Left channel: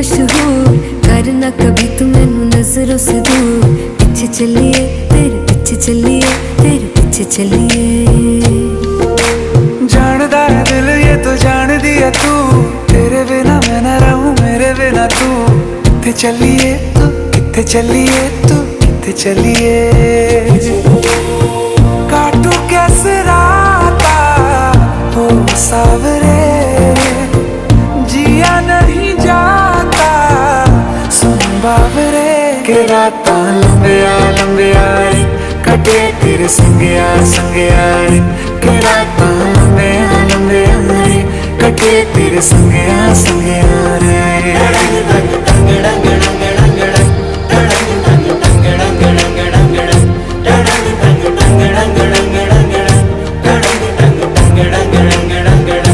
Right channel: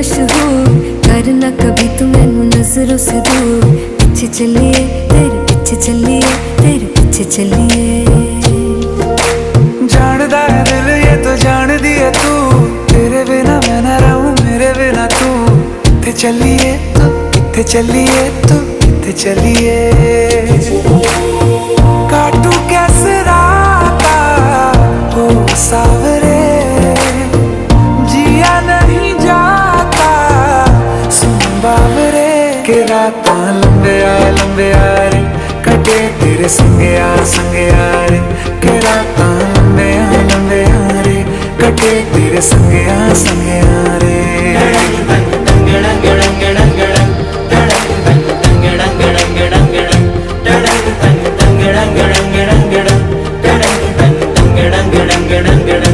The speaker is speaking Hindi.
मशहूर, करना कभी तू मैनू नजरों से दूर। पीछे चलिए तेरे पीछे चलिए, तेरे पीछे चलिए। जानदा है दिल ये तो जान दिया तू, तेरे बिना मैं ना रहूं मेरे बिना तू। किथे चलिए तू, किथे चलिए तू, किथे चलिए। काटू कैसे राता हो सावरे, जिया नहीं जाता सुन बावरे। के राता लंबिया लंबिया रे, कटे तेरे संगया संगया रे। के राता लंबिया लंबिया रे, कटे तेरे संगया संगया रे।